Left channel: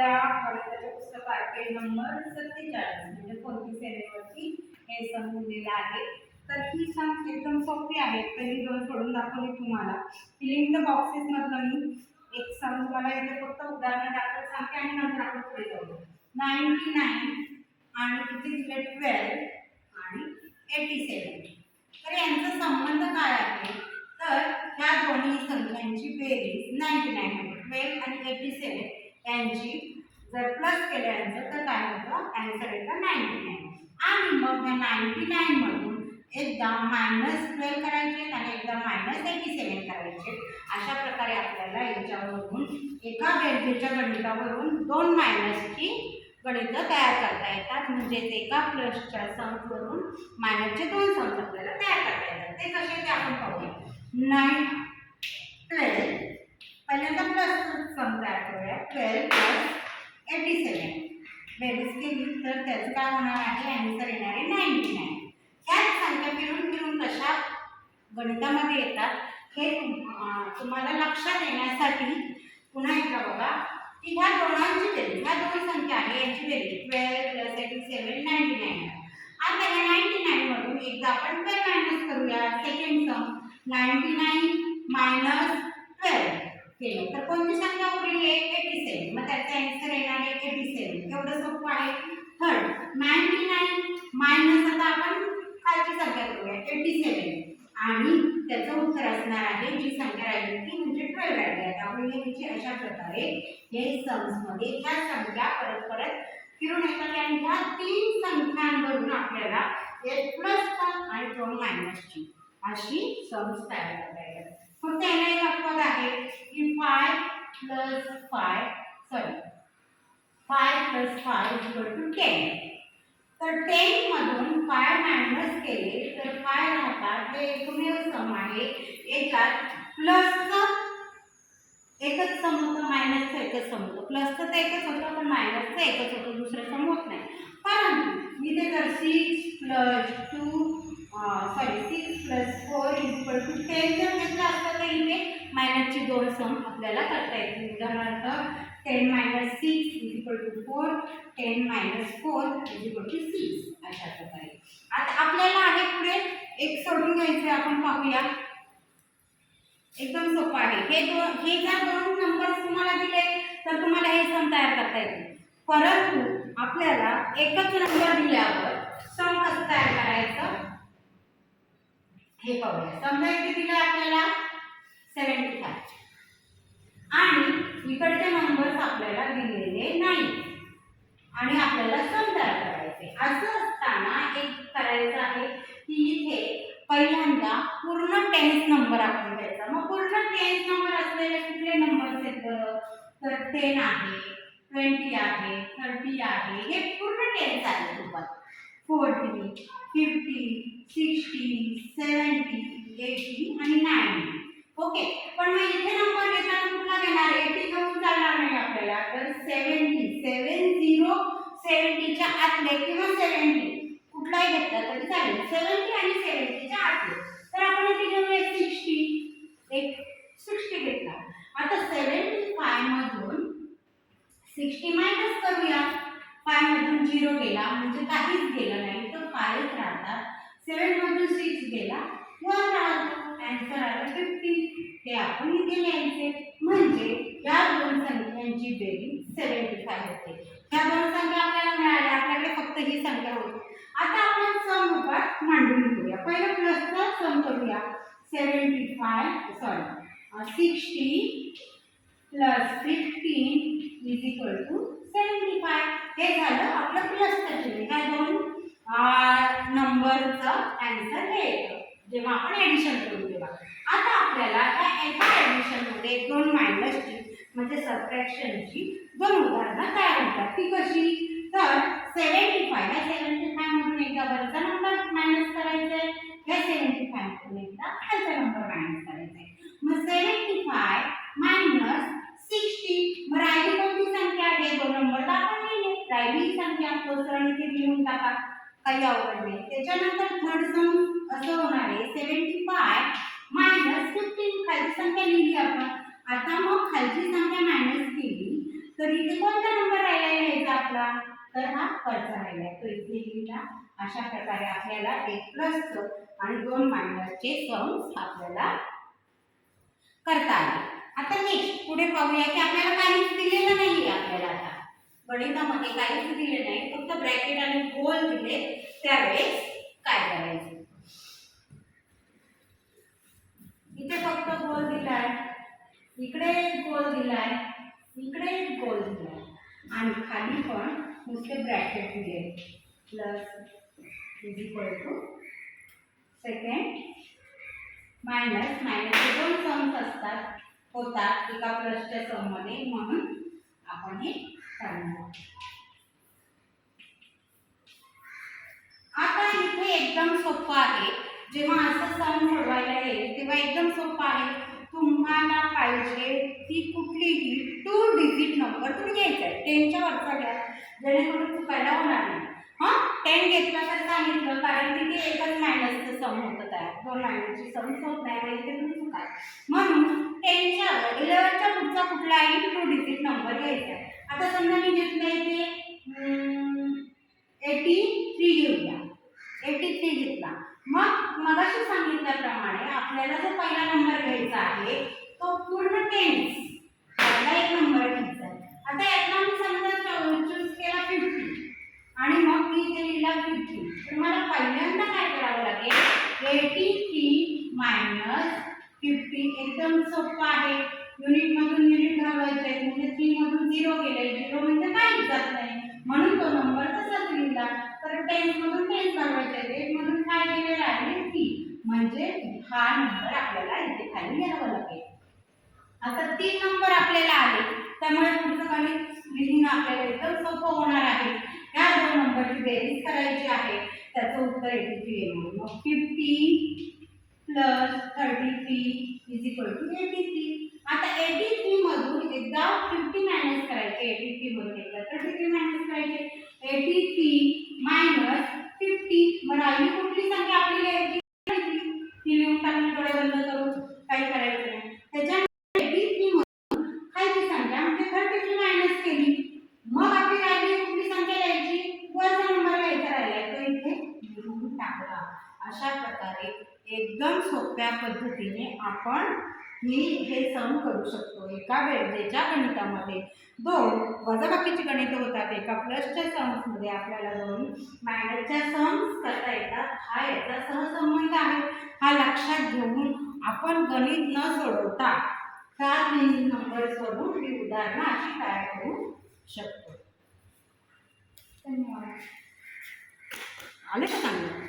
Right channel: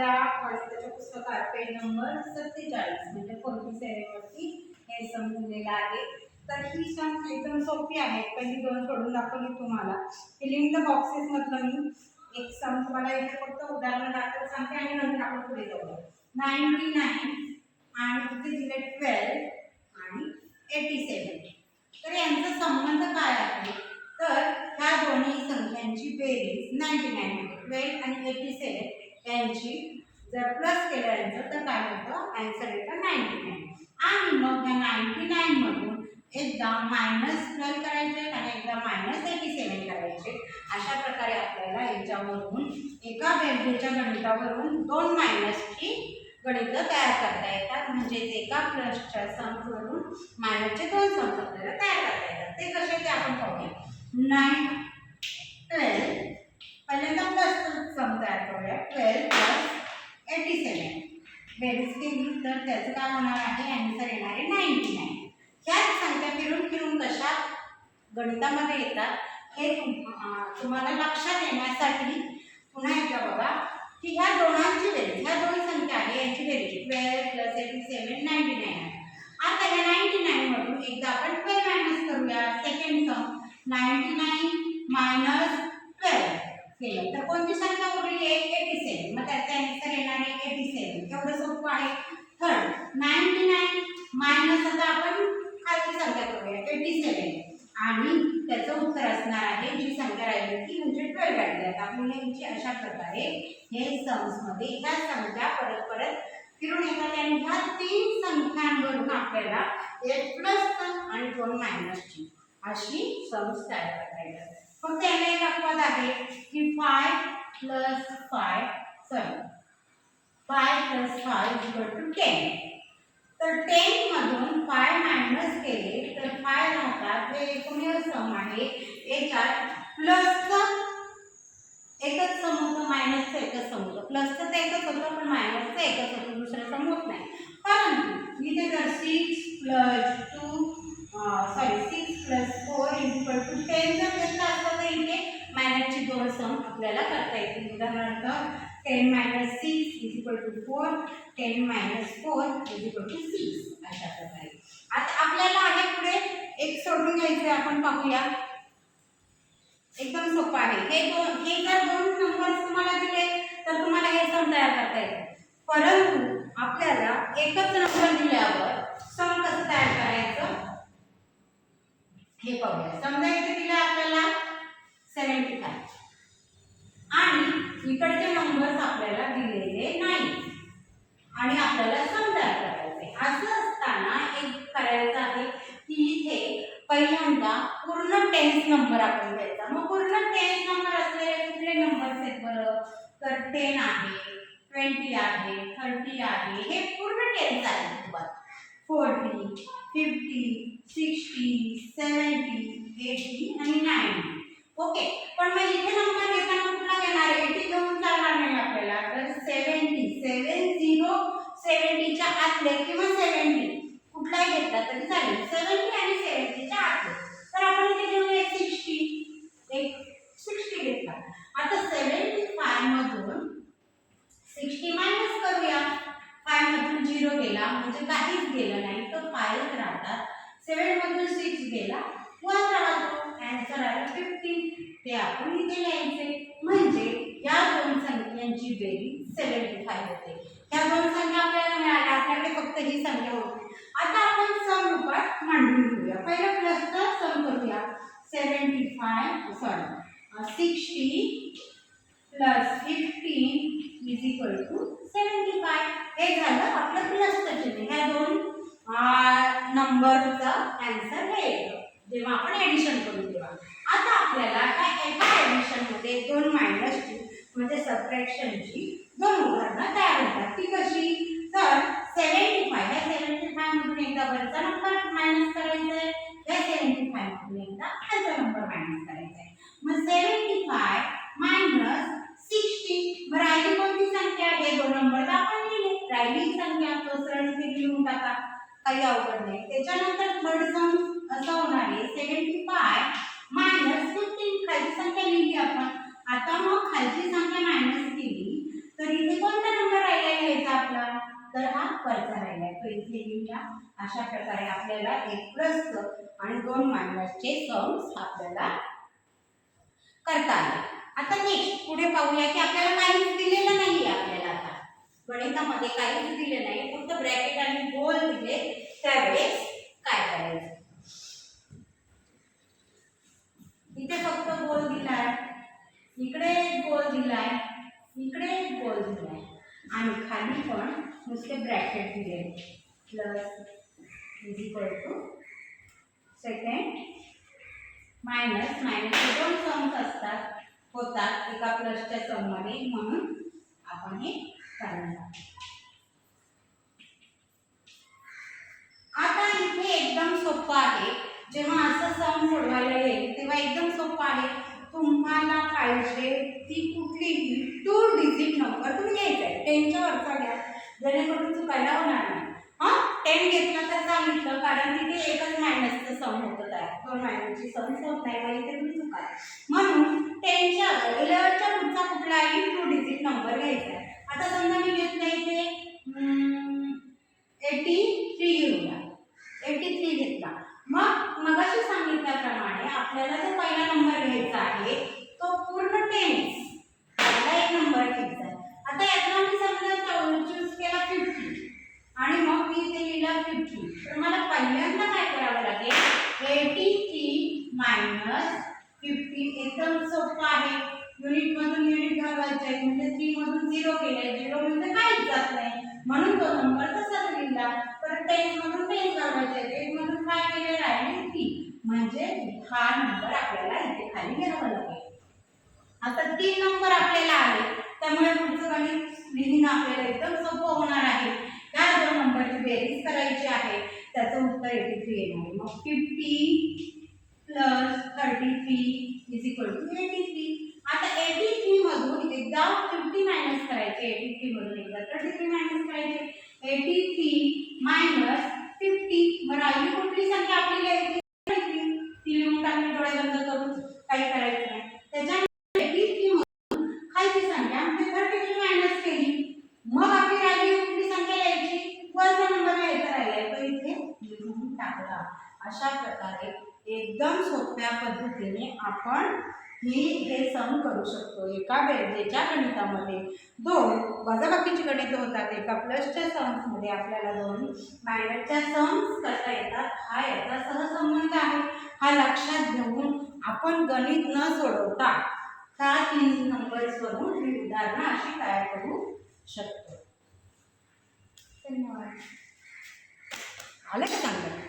आपल्या गणिताच्या पुस्तकात पेज नंबर 47 म्हणजे 47 वरती हे सम दिलेलं आहे। तर ही सम एकदम सोपी आहे। पहिली दोन सोडून दाखवली तुम्हाला। फिलिंग द बॉक्सेस मधलं मी एक सम तुम्हाला इथे फक्त उदाहरण दाखवत सांगते आणि नंतर आपण पुढे जाऊ। 99 आणि इथे दिले 12 आणि 87। तर यांचा संबंध काय आहे? तर ह्या दोन्ही संख्यांची बेरीज 99 म्हणजे 12 आणि 87 यांची जर प्लस केल्यानंतर तर काय होतं? आन्सर येतं 99। आणि मग या 99 मधून एकदा -12 करायचे आणि एकदा -87 करायचे। अशा प्रकारे आपल्याला याच्यावरून एका बेरजेच्या गणितावरून दोन मायनसची गणित तयार करता येतात। म्हणजे एका प्लसच्या समवरून मायनसचे दोन सम आपल्याला तयार करता येतात। ते कसे ते आपण पाहूया। 9 12 पहिल्यांदा प्लस सम तयार करूया। 12 + 87 बेरीज केली तर त्याचं काय होणार आहे? आन्सर येणार आहे 99। ह्याच संख्या फिरून फिरून कशा गणितामध्ये येतात हे तुम्हाला लक्षात येण्यासाठी पुन्हा एकदा बघा की ह्या दोघांची बेरीज, ह्या दोन संख्या आहे यांची बेरीज 12 + 87 99 आहे। आता या 99 मधून एकदा आपण 12 मायनस करूया। सेकंड सम 99 - 12 केलं तर कोणती संख्या उरली? 87। मग त्याचा आन्सर येणार आहे 87। एवढं सोपं आहे। थर्ड 99 मायनस आता आपण खालची संख्या करूया 87 आणि त्याचं उत्तर असणार आहे जी संख्या राहिली ती म्हणजे 12 राहिली। आता आपण याची अशा प्रकारे हे सम्स मध्ये ह्या संख्या परत परत फिरून येतात आणि ह्या तीन संख्यांवरून आपल्याला एक प्लस आणि दोन मायनसची अशी सम्स तयार करता येतात। फक्त याला एक अपवाद आहे की 5 + 5 = 10। तर 10 मधून 5 मायनस केले तर 5 राहतात। हे एकमेव सम आहे याच्यात प्लसचं एकच सम होतं, मायनसचं एकच सम होतं। प्लसचं तर एकच होतं पण मायनसचं एकच होतं, दुसरं सम होत नाही। परंतु इथे जर 6 + 4 = 10 जर घेतलं असतं तर इथे मायनसची दोन सम आपल्याला करता येतील। उदाहरणार्थ 10 - 6 = 4, 10 - 4 = 6 अशा प्रकारे। आता आपल्याला आहे पुढे एक सोडून घ्यायचे, आपण पाहूया। एकदम सोपं आहे। हे जर दोन नंबर्स तुम्हाला दिले तर तुम्हाला हे सम तयार करता येईल। परंतु आपल्याला एकच नंबर दिल्यावर सम कसं तयार करायचं हे पाहूया। समजा इथे दिले आपल्याला 75 आणि इकडचे नंबर्स आपल्याला दिलेले नाही आणि आपल्याला सम तयार करायचे। असं असताना एक करायचं आहे की इथे पहिल्यांदा पूर्ण टेन्स नंबर आपण घ्यायचा। मग पूर्ण टेन्स नंबर असलेले कुठले नंबर्स आहेत बरं? तर 10 आहे, 20 आहे, 30 आहे, हे पूर्ण टेन्स आहे सोबत। 40 50 60 70 80 आणि 90। ओके, पण मग इथे नंबर घेताना कुठला घेणार? 80 घेऊन चालणार नाही आपल्याला। तर 70 70च्या आतले किंवा 70 कुठलाही घेतला तरी चालेल। 70 आणि 70च्या आतले तर आपण इथे घेऊया 60 घेतला। आता 75 मधून 60 मायनस करूया। 5 मधून 0 गेला म्हणजे काहीच गेलं नाही तर 5 राहतात। 7 मधून 6 गेला 1 राहतो। आन्सर आला 15। ते आपण इथे लिहायचे म्हणजे या दोन संख्यांची बेरीज 75 होते। ह्या दोन संख्या आपल्याला मिळाल्या, आपल्याकडे फक्त ही संख्या होती। आता आपण सम रूपात मांडून घेऊया। पहिलं प्लसचा सम करूया। 60 + 15 = 75। हे झालं आपलं प्लसचं चिन्ह। ह्या दोन नंबरचा आन्सर हे येतं जेव्हा आपण ॲडिशन करू तेव्हा। आता आपल्याला या एका ॲडिशनमध्ये दोन मायनसची म्हणजे सबट्रॅक्शनची दोन उदाहरणं तयार होतात। ती कशी? तर 75 मधून एकदा वरचा नंबर मायनस करायचा आहे, या 75 मधून एकदा खालचा नंबर मायनस करायचा आहे। मग 75 - 60 मग राहिली कोणती संख्या? हे दोन नंबर तर आपण लिहिले, राहिली संख्या तो सरळ इथे लिहून टाका, काही अवघड नाही। त्याच्यानंतर थर्ड सम असं होणार आहे 75 - 15 खालची संख्या लिहिली आपण। आता मग खालची संख्या मायनस केली तर इथे कोणता नंबर तर हा वरचा राहिला आहे. तो इथे लिहिला. अशा प्रकारे आपल्याला 1 प्लसचं आणि 2 मायनसचे सम्स आपल्याला करता आले. आता नेक्स्ट पुढे पाहूया की आपल्याला काहीच दिलेलं नाही आहे. आपल्याला आता गणितामध्ये काहीच दिले नाही, फक्त ब्रॅकेट आणि गोल दिले. त्यावेळेस काय करायचं? इथे फक्त गोल दिलाय, इकडे गोल दिलाय, इकडे गोल दिलाय आणि खाली पण नुसते ब्रॅकेट दिले. Plus is equal to second minus मायनसचे 2 सम्स असतात होतात एका प्लसच्या सममध्ये, म्हणून आपण हे करणार. आता इथे एकदम सोपं आहे. जेव्हा असं सम सोडवायला येईल तेव्हा एकदम सोपं आहे. तुम्हाला पाहिजे ती कुठलीही 2 डिजिट नंबर तुम्ही घ्यायचा आहे. 10च्या वरचा घ्या, जेणेकरून चुकायला होणार नाही. हां, 10 घेतला तर सांगितलं, कारण तिथे एकच मायनसचं सम होतं तयार, 2 मायनसची सम होत नाही, मग इथे तुम्ही चुकाल. म्हणून 10च्या 11च्या पुढचा कुठलाही 2 डिजिट नंबर घ्यायचा आहे. आता समजा मी घेतलं इथे 83 घेऊया. 83 घेतला. मग मगाशी सांगितल्याप्रमाणे आपल्याला जो पहिला नंबर घ्यायचा आहे तो पूर्ण 10 पहिला एक नंबर घ्यायचा आहे. आता यातला मी समजा चूज केला 50 आणि मग मी इथे लिहिला 50. तर मला पहिल्यांदा काय करावं लागेल? 83 मायनस 50. एकदम सोपं आहे. युनिट मधून युनिट घालवायचे, म्हणजे 3 मधून 0 गेले. 0 म्हणजे काहीच जात नाही, म्हणून तो नंबर तसाच लिहिला. तर 10 मधून 10 घालवायचे, 8 मधून काय गेले? राहिले 3. म्हणजे हा नंबर आपल्याला इथे खाली लिहावा लागेल. आता 3 नंबर आपल्याला आले, त्यामुळे पुढचं गणित लिहिणं आपल्याला एकदम सोपं होणार आहे. या 2 नंबरची बेरीज करायची आहे, त्याचं उत्तर 83 येणार. मग 50 प्लस 33 इज इक्वल टू 83. आता 83 मधून एकदा 50 मायनस करायचे, 83 मधून एकदा 33 मायनस करायचे. 83 मायनस 50. मग राहिली कुठली संख्या आपली लिहायची? 33. ती लिहून टाकली डोळे बंद करून, काही करायचं नाही. त्याच्यानंतर 83 मधून खालची संख्या म्हणजे 33 मायनस केली. मग आपली राहिली कुठली संख्या लिहायची? वरचा नंबर लिहायचा राहिलाय, तो इथे लिहून टाकला. अशा प्रकारे एकदम सोप्या पद्धतीने आपण हे सम करू शकतो. एका बेरजेच्या गणितामध्ये 2 वजाबाकीची गणितं होतात, एका प्लसच्या सम्समध्ये आपल्याला 2 मायनसच्या सम्स करता येतात. हा याचा सहसंबंध आहे. हा लक्षात घेऊन आपण गणित न सोडवता ह्या 3 नंबर्सवरून ही उदाहरणं अशी तयार करू शकतो. धन्यवाद. आले का चांगलं?